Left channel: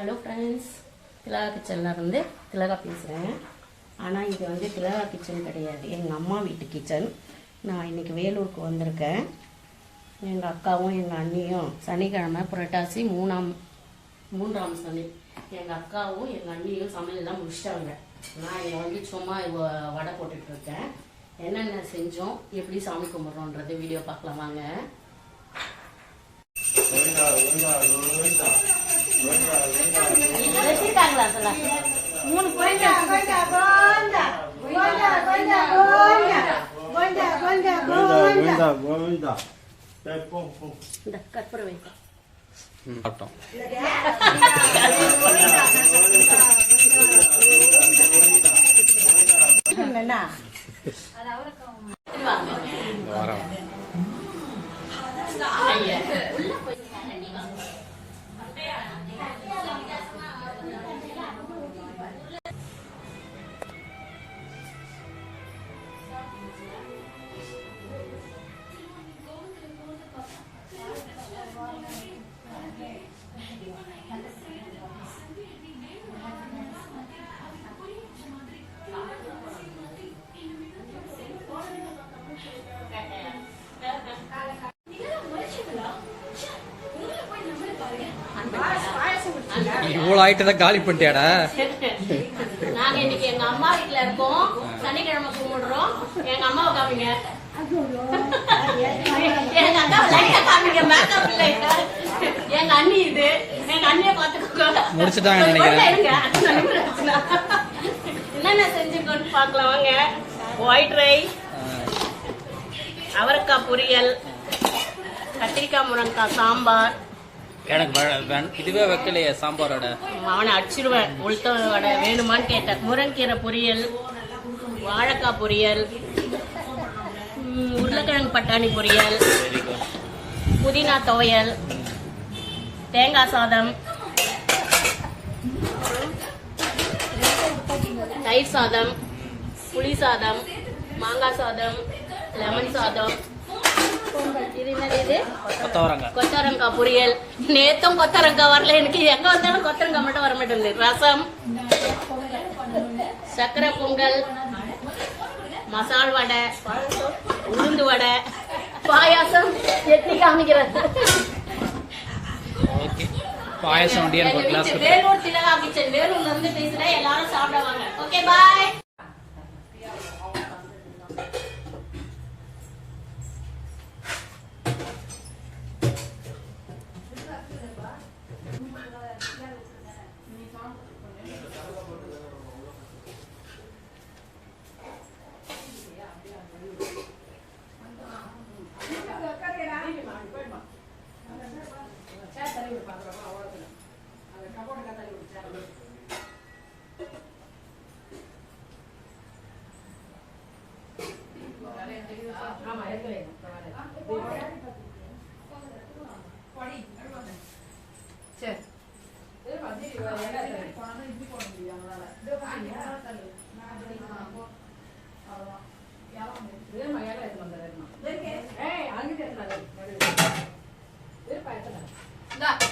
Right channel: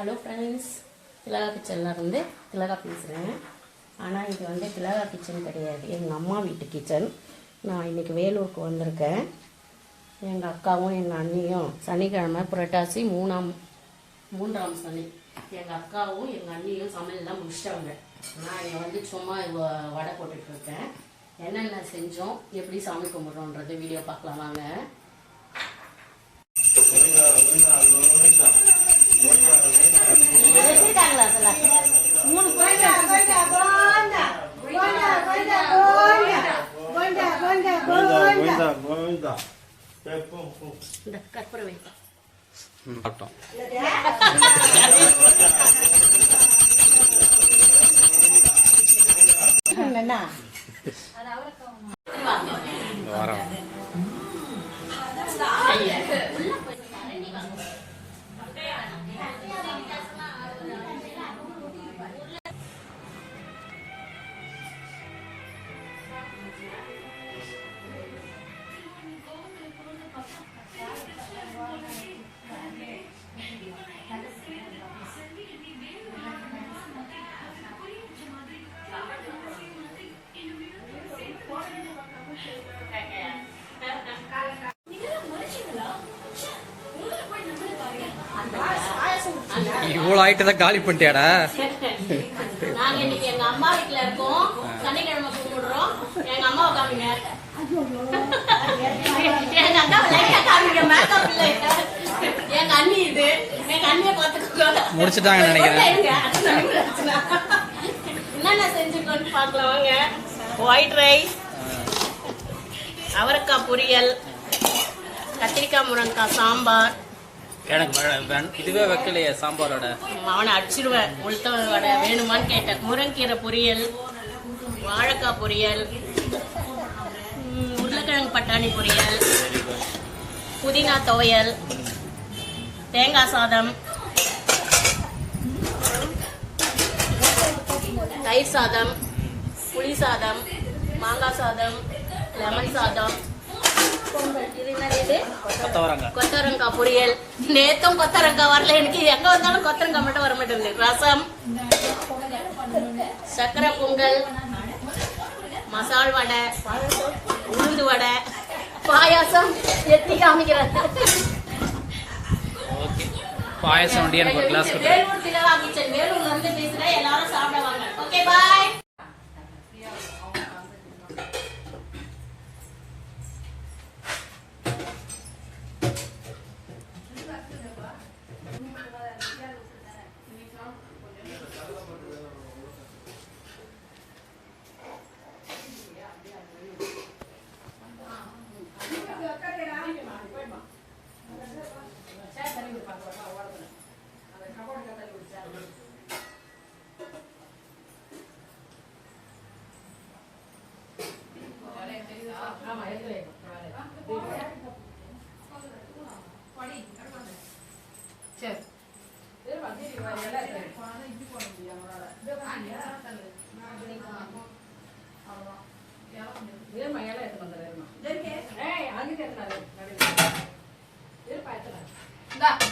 Hello friends திலகா கிச்சன்லேருந்து திலகா பேசுகிறேன் ஆனால் இது வந்து திலகா கிச்சன் கிடையாது. எங்கள் அம்மா வீட்டு கிச்சன் நான் இன்னைக்கு வேலூருக்கு வந்திருக்கேன். எங்கள் அக்காவும் எங்கள் அண்ணியும் சனிக்கிழமை புரட்டாசி மூணாம் மூன்றாம் சனி. எங்கள் அக்காவும் எங்கள் அண்ணியும் சமையல்லாம் முடிச்சிட்டாங்க. நான் இங்கே வந்து சும்மா வடை போட்டுட்ருக்கேன் என்னென்ன செஞ்சோம் எப்படி சாமி கும்பிட்றோன்றது வீடியோ பார்க்கலாம் வாங்க. வச்சிருக்காங்களா அதுல? மூணு கோயில் கோவிந்தா கோவிந்தா சரி, போ, போ. இந்த கற்பூர வைத்தா சாப்பிட்டோம் இந்த வாரம் do that. இவ்வளோ ஆயிட்டு காலி பண்ணிட்டியாடா நாங்க இன்னைக்கு எங்க அம்மா வீட்ல இருக்கோம். சனிக்கிழமை கும்பிடுறோம். எங்க அம்மாவை காமிங்க. எங்க காமிங்க இல்லைங்க அண்ணி இது. எங்க அண்ணியை பாத்துக்கோங்க முடிச்சிட்டாங்கன்னு நினைக்கிறேன். என்னென்ன செஞ்சுக்கோன்னு பார்க்கலாம். வாங்க. ஒயிட் ரைஸ் அவரைக்காய் பொரியல் கத்திரிக்காய் முருங்கைக்காய் சாம்பார் எனக்கு இதுவே வைக்கலையே சாம்பாரோட. அவனை அடிச்சிருவேன் உளுத்த வடை வேணுமான்னு கேட்டேன். முருங்கீரை பொரியல் வாழைக்காய் பொரியல் உருளைக்கிழங்கு பட்டாணி பொரியல் புதினா துவையல் தேங்காய் சாதம் தயிர் சாதம் புளி சாதம் மாங்காய் சாதம் லெமன் சாதம் இது என்னது இது கொத்தவரங்க கொத்தவரங்காய் பொரியல். நேத்தும் கொத்தவரங்காய் வரல. எனக்கு எங்க வந்தாலும் கொத்தவரங்காய் மட்டும் வர மாட்டேங்குது. ரசம் சக்கரை பொங்கல் மசால் வடை உளுந்து வடை பாயாசம். எத்தி காமிக்கிறேன் ஓகே. பாயசம் வண்டி எனக்கு ஒரு கிளாஸ் கொடுத்து வேலூர் திலகா கிச்சன் வேலூர்ல இருந்து பேசுறேன் எல்லாரும் சாப்பிட வாங்க ஓகே பாய் ஆமா எடுத்து வைங்க சரி. வேறுமா இலை எடுத்து வந்து வேறுமா ஏய் அங்கே எடுத்து வேறுமா எடுத்து